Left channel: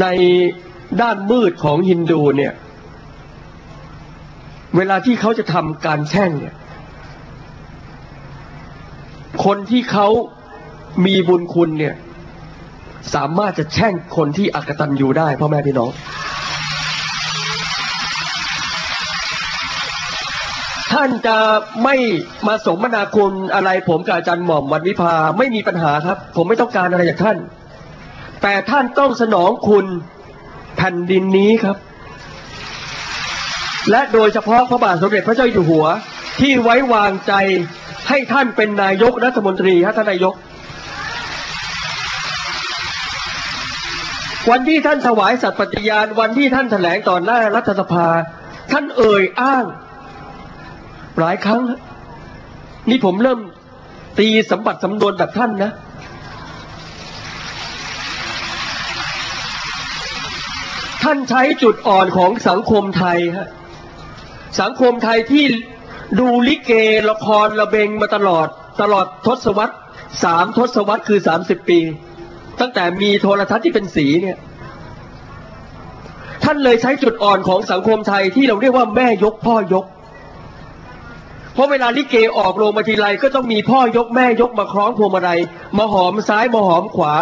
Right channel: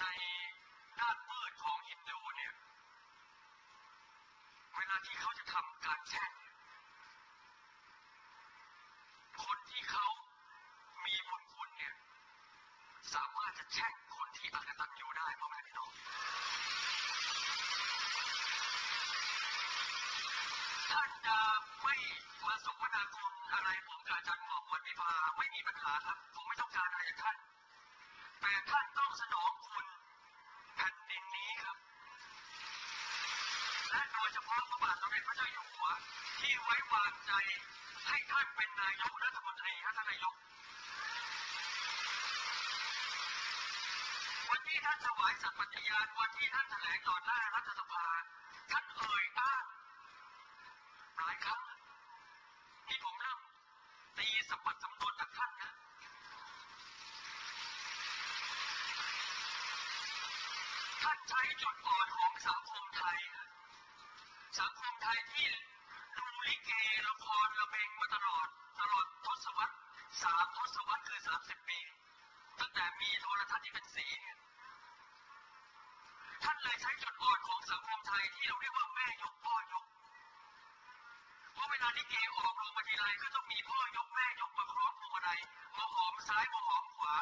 ในด้านมืดของฮินดูเนี่ย เวลาที่เขาจะทำการแช่งเนี่ย คนที่เขามีบุญคุณเนี่ย สามารถจะแช่งคนที่อักตันอยู่ได้พ่อแม่พี่น้องท่านจะไม่มาสมนาคุณอะไรผมกับอาจารย์หม่อมวันวิพาไม่มีปัญหาครับ ผมไม่ต้องการอะไรจากท่าน แต่ท่านต้องสนองคุณแผ่นดินนี้ครับ และโดยเฉพาะพระบาทสมเด็จพระเจ้าอยู่หัว ที่ไว้วางใจให้ท่านเป็นนายกรัฐมนตรีฮะท่านนายก วันที่ท่านถวายสัตย์ปฏิญาณวันที่ท่านแถลงต่อหน้ารัฐสภา ท่านเอ่ยอ้าง หลายครั้ง นี่ผมเริ่มตีสมบัติสำนวนแบบท่านนะ ท่านใช้จุดอ่อนของสังคมไทยฮะสังคมไทยที่ดูลิเกละครระเบงมาตลอดตลอดทศวรรษสามทศวรรษคือสามสิบปี ตั้งแต่มีโทรทัศน์ที่เป็นสีเนี่ย ท่านเลยใช้จุดอ่อนของสังคมไทยที่เราเรียกว่าแม่ยกพ่อยก เพราะเวลาลิเกออกโรงมาทีไรก็ต้องมีพ่อยกแม่ยกมาคล้องพวงมาลัยมาหอมซ้ายมาหอมขวา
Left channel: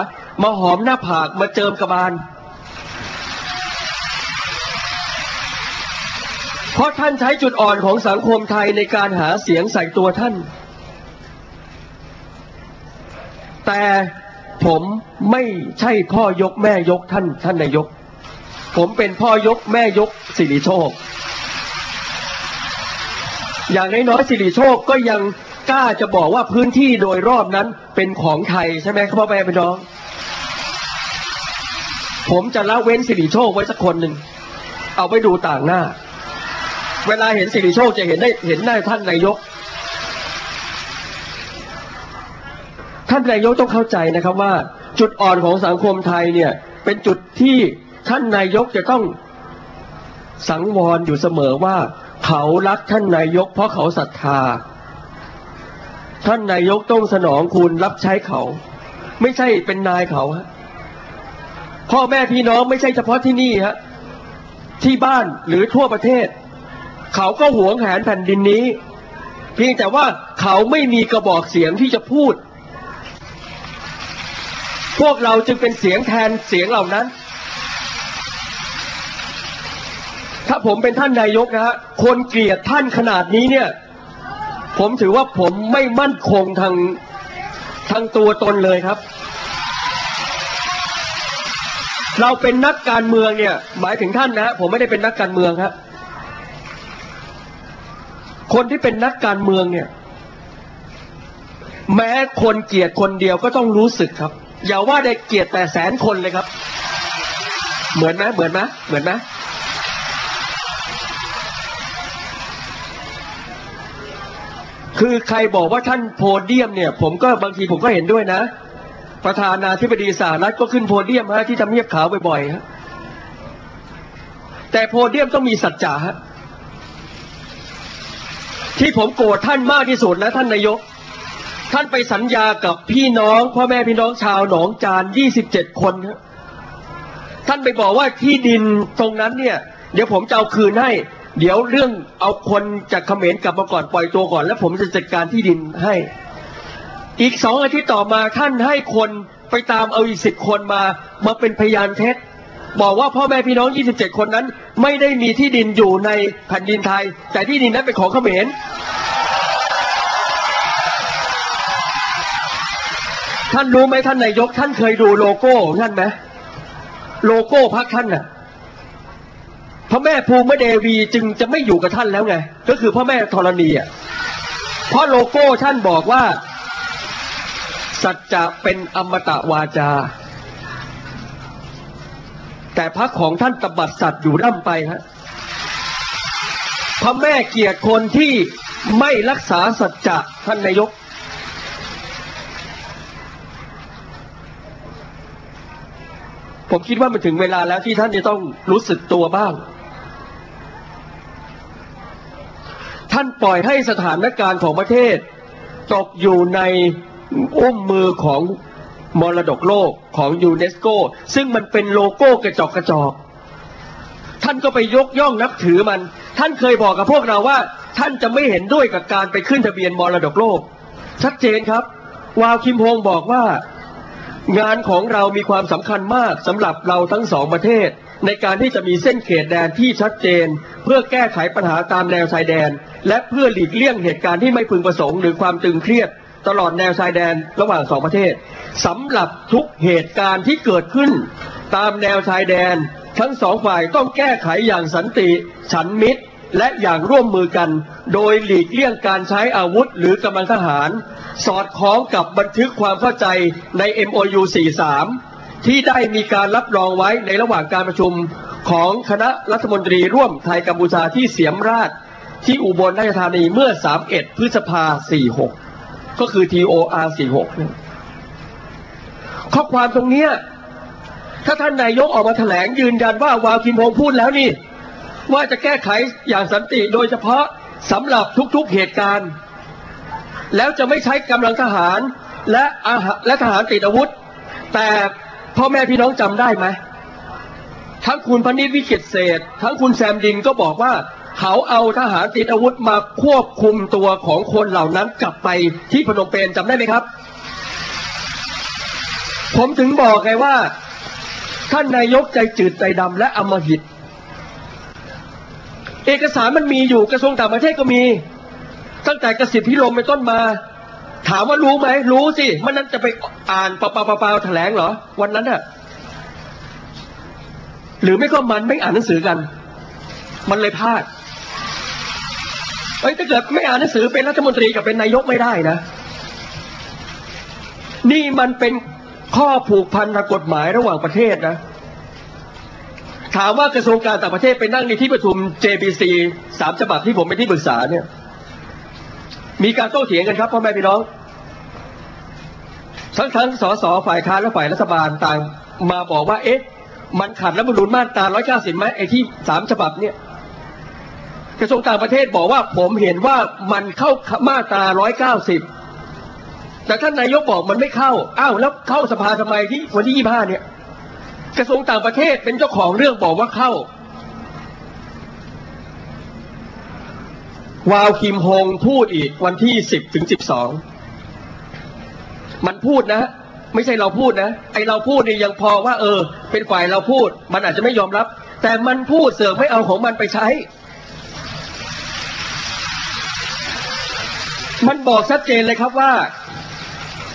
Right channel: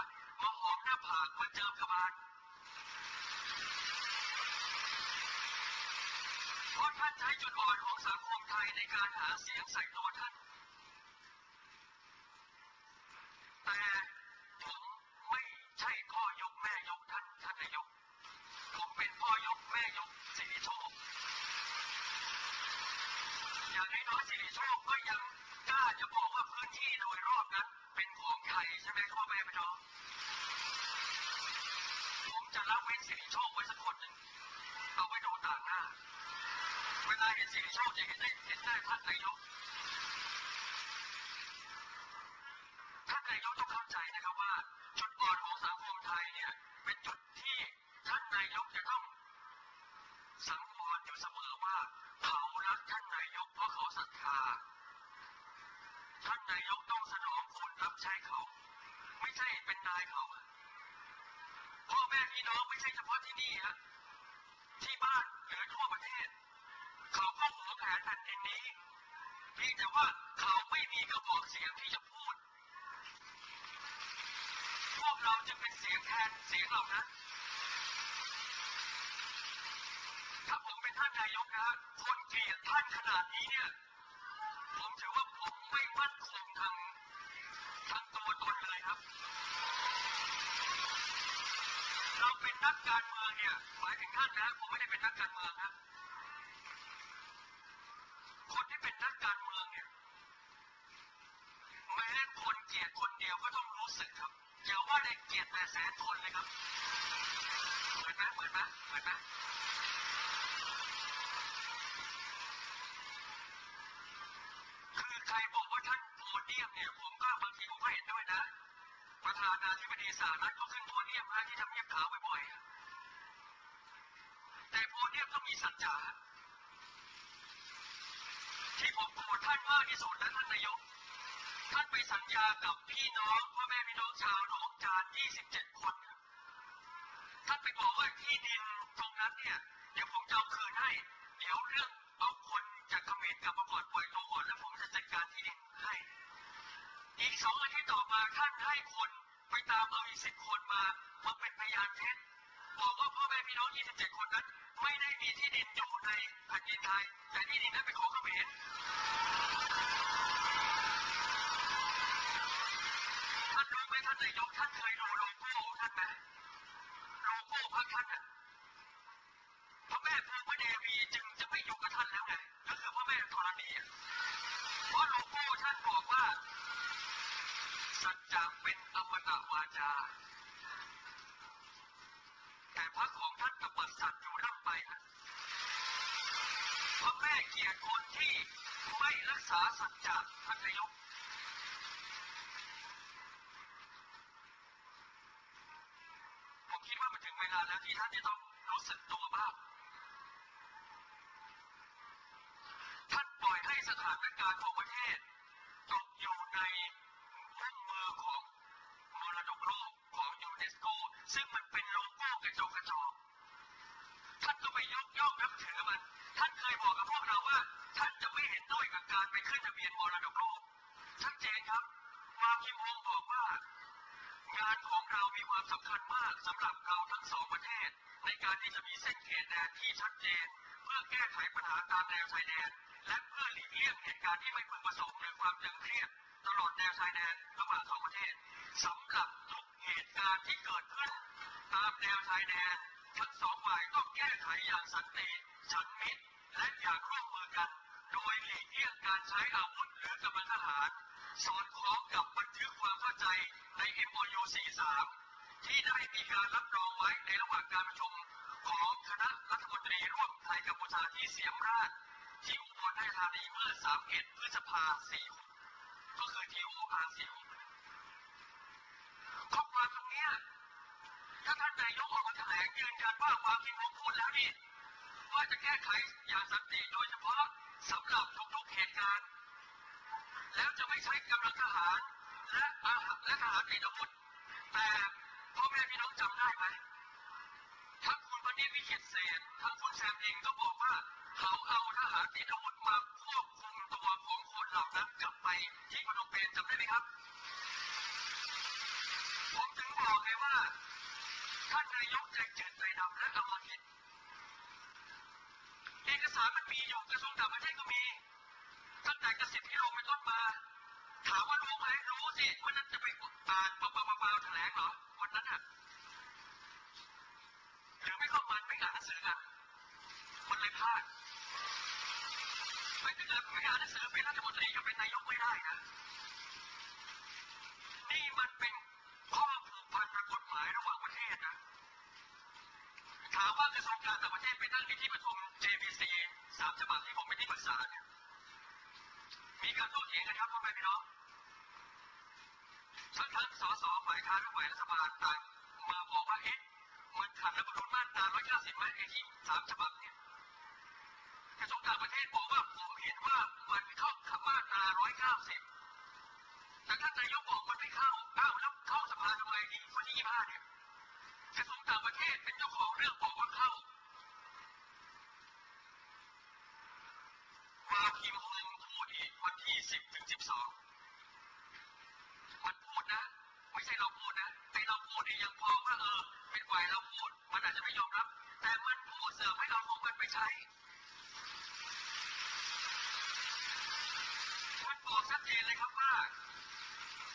มาหอมหน้าผากมาเจิมกระบาล เพราะท่านใช้จุดอ่อนของสังคมไทยในการหาเสียงใส่ตัวท่าน แต่ผมไม่ใช่พ่อยกแม่ยกท่านท่านนายก ผมเป็นพ่อยกแม่ยกสิริโชค อย่างน้อยๆสิริโชคก็ยังกล้าจะบอกว่าพื้นที่โดยรอบนั้นเป็นของไทยใช่ไหมครับพ่อแม่พี่น้อง ผมจะละเว้นสิริโชคไว้สักคนหนึ่ง เอาไปดูต่างหน้า เวลาเห็นสิริโชคจะเห็นได้เห็นหน้าท่านนายก ท่านนายกต้องเข้าใจนะครับว่า จุดอ่อนของสังคมไทยเนี่ยเป็นจุดที่ท่านนายกจะต้องสังวรอยู่เสมอว่า เขารักท่านนายก เพราะเขาศรัทธา ท่านนายกต้องสนองคุณรับใช้เขา ไม่ใช่เป็นนายเขาฮะพ่อแม่พี่น้องไม่ใช่เฉพาะที่นี่ฮะที่บ้านหรือทั่วประเทศ เขาก็หวงแหนแผ่นดินนี้ เพียงแต่ว่าเขาไม่มีกระบอกเสียงที่จะพูด พวกเราจึงเป็นเสียงแทนเสียงเหล่านั้น ถ้าผมเป็นท่านนายกนะฮะคนเกลียดท่านขนาดนี้เนี่ย ผมถือว่าผมไม่มั่นคงทางทางตัวตนเลยครับเราเป็นนักการเมืองเนี่ย หมายถึงท่านนะ ผมไม่ได้เป็นนักการเมืองครับ คนที่เป็นนักการเมืองเนี่ย แม้คนเกลียดคนเดียวก็ต้องรู้สึกครับ อย่าว่าได้เกลียดแต่แสนคนเลยครับ เหมือนไหมเหมือนไหมเหมือนไหมคือใครบอกว่าท่านโพเดียมเนี่ย ผมก็บางทีผมก็เห็นด้วยนะ ประธานาธิบดีสหรัฐก็ขึ้นโพเดียมฮะที่ทำเนียบขาวบ่อยๆฮะแต่โพเดียมต้องมีสัจจะฮะ ที่ผมโกรธท่านมากที่สุดนะท่านนายก ท่านไปสัญญากับพี่น้องพ่อแม่พี่น้องชาวหนองจาน27 คนฮะท่านไปบอกว่าที่ดินตรงนั้นเนี่ย เดี๋ยวผมจะเอาคืนให้ เดี๋ยวเรื่องเอาคนจากเขมรกลับมาก่อนปล่อยตัวก่อน แล้วผมจะจัดการที่ดินให้ อีกสองอาทิตย์ต่อมาท่านให้คนไปตามเอาอีกสิบคนมามาเป็นพยานเท็จ บอกว่าพ่อแม่พี่น้อง 27 คนนั้น ไม่ได้มีที่ดินอยู่ในแผ่นดินไทย แต่ที่ดินนั้นเป็นของเขมรท่านรู้ไหมท่านนายกท่านเคยดูโลโก้งท่านไหมโลโก้พรรคท่านน่ะพระแม่ภูมิเดวีจึงจะไม่อยู่กับท่านแล้วไง ก็คือพ่อแม่ธรณีอะเพราะโลโก้ท่านบอกว่า สัจจะเป็นอมตะวาจา แต่พรรคของท่านตบัดสัตว์อยู่ร่ำไปฮะพระแม่เกียรติคนที่ไม่รักษาสัจจะท่านนายก ผมคิดว่ามันถึงเวลาแล้วที่ท่านจะต้องรู้สึกตัวบ้าง ท่านปล่อยให้สถานการณ์ของประเทศ ตกอยู่ในอุ้มมือของ มรดกโลกของยูเนสโก ซึ่งมันเป็นโลโก้กระจอกกระจอกท่านก็ไปยกย่องนับถือมัน ท่านเคยบอกกับพวกเราว่า ท่านจะไม่เห็นด้วยกับการไปขึ้นทะเบียนมรดกโลก ชัดเจนครับ วาวคิมฮงบอกว่า งานของเรามีความสำคัญมากสำหรับเราทั้งสองประเทศ ในการที่จะมีเส้นเขตแดนที่ชัดเจน เพื่อแก้ไขปัญหาตามแนวชายแดน และเพื่อหลีกเลี่ยงเหตุการณ์ที่ไม่พึงประสงค์หรือความตึงเครียด ตลอดแนวชายแดนระหว่างสองประเทศสำหรับทุกเหตุการณ์ที่เกิดขึ้น ตามแนวชายแดน ทั้งสองฝ่ายต้องแก้ไขอย่างสันติฉันมิตร และอย่างร่วมมือกัน โดยหลีกเลี่ยงการใช้อาวุธหรือกำลังทหาร สอดคล้องกับบันทึกความเข้าใจใน MOU 43 ที่ได้มีการรับรองไว้ในระหว่างการประชุมของคณะรัฐมนตรีร่วมไทยกัมพูชาที่เสียมราชที่อุบลราชธานีเมื่อ 31 พฤษภา 46 ก็คือ TOR 46เนี่ยข้อความตรงเนี้ยถ้าท่านนายกออกมาแถลงยืนยันว่าวาวคิมฮงพูดแล้วนี่ ว่าจะแก้ไขอย่างสันติโดยเฉพาะสำหรับทุกๆเหตุการณ์ แล้วจะไม่ใช้กำลังทหารและอาและทหารติดอาวุธ แต่พ่อแม่พี่น้องจำได้ไหมทั้งคุณพนิษวิกิตเศษ ทั้งคุณแซมดินก็บอกว่า เขาเอาทหารติดอาวุธมาควบคุมตัวของคนเหล่านั้นกลับไปที่พนมเปญจำได้ไหมครับ ผมถึงบอกไงว่า ท่านนายกใจจืดใจดำและอำมหิต เอกสารมันมีอยู่กระทรวงต่างประเทศก็มี ตั้งแต่กสิทธิพิรมเป็นต้นมา ถามว่ารู้ไหม รู้สิ มันนั้นจะไปอ่านเปล่าๆๆๆแถลงเหรอ วันนั้นน่ะหรือไม่ก็มันไม่อ่านหนังสือกัน มันเลยพลาด เอ้ยถ้าเกิดไม่อ่านหนังสือเป็นรัฐมนตรีกับเป็นนายกไม่ได้นะ นี่มันเป็นข้อผูกพันทางกฎหมายระหว่างประเทศนะ ถามว่ากระทรวงการต่างประเทศไปนั่งในที่ประชุม JBC สามฉบับที่ผมเป็นที่ปรึกษาเนี่ย มีการโต้เถียงกันครับพ่อแม่พี่น้องทั้งทั้งสสฝ่ายค้านและฝ่ายรัฐบาลต่างมาบอกว่า เอ๊ะ มันขัดรัฐธรรมนูญมาตรา 190ไหมไอ้ที่สามฉบับเนี่ย กระทรวงต่างประเทศบอกว่าผมเห็นว่ามันเข้ามาตรา190 แต่ท่านนายกบอกมันไม่เข้า อ้าวแล้วเข้าสภาทำไมที่วันที่ 25 เนี่ย กระทรวงต่างประเทศเป็นเจ้าของเรื่องบอกว่าเข้า วาวคิมฮงพูดอีกวันที่ 10 ถึง 12 มันพูดนะ ไม่ใช่เราพูดนะ ไอเราพูดนี่ยังพอว่า เออ เป็นฝ่ายเราพูด มันอาจจะไม่ยอมรับ แต่มันพูดเสือกไม่เอาของมันไปใช้ มันบอกชัดเจนเลยครับว่า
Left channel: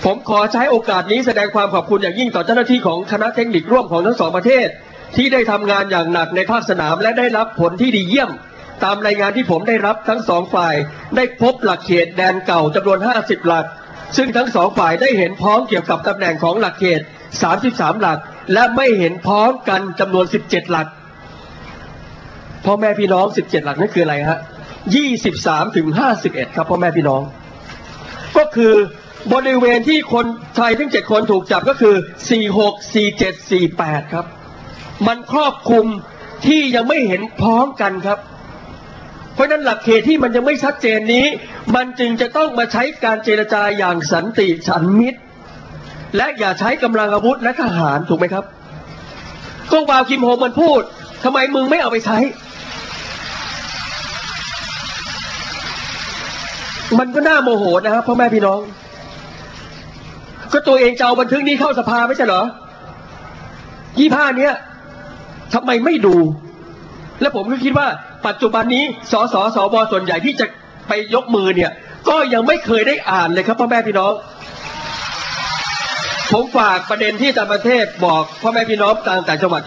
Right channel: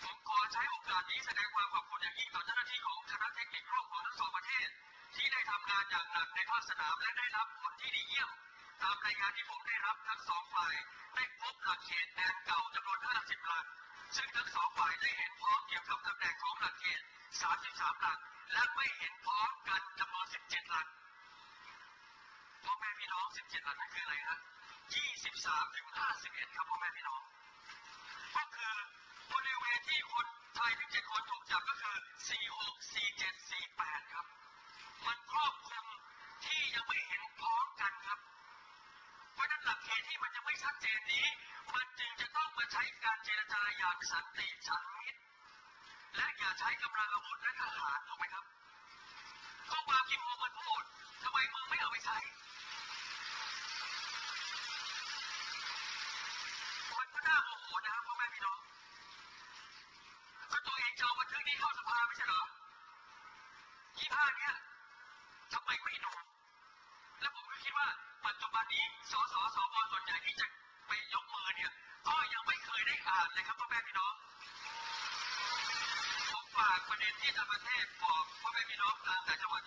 ผมขอใช้โอกาสนี้แสดงความขอบคุณอย่างยิ่งต่อเจ้าหน้าที่ของคณะเทคนิคร่วมของทั้งสองประเทศ ที่ได้ทำงานอย่างหนักในภาคสนามและได้รับผลที่ดีเยี่ยม ตามรายงานที่ผมได้รับทั้งสองฝ่าย ได้พบหลักเขตแดนเก่าจำนวน 50 หลัก ซึ่งทั้งสองฝ่ายได้เห็นพ้องเกี่ยวกับตำแหน่งของหลักเขต 33 หลัก และไม่เห็นพ้องกันจำนวน 17 หลักพ่อแม่พี่น้อง 17 หลักนั่นคืออะไรฮะ 23ถึง51 ครับพ่อแม่พี่น้อง ก็คือบริเวณที่คนไทยทั้ง 7 คนถูกจับก็คือ 46 47 48 ครับ มันครอบคลุมที่ยังไม่เห็นพร้องกันครับ เพราะฉะนั้นหลักเขตที่มันยังไม่ชัดเจนนี้ มันจึงจะต้องมาใช้การเจรจาอย่างสันติฉันมิตร และอย่าใช้กำลังอาวุธและทหารถูกไหมครับก็วาวคิมโฮมันพูดทำไมมึงไม่เอาไปใช้ มันก็น่าโมโหนะครับพ่อแม่พี่น้อง ก็ตัวเองจะเอาบันทึกนี้เข้าสภาไม่ใช่เหรอยี่ห้าเนี้ยทำไมไม่ดู และผมก็คิดว่า ปัจจุบันนี้สสสวส่วนใหญ่ที่จะไปยกมือเนี่ย ก็ยังไม่เคยได้อ่านเลยครับพ่อแม่พี่น้องผมฝากประเด็นที่ต่างประเทศบอกพ่อแม่พี่น้องต่างแต่างจังหวัด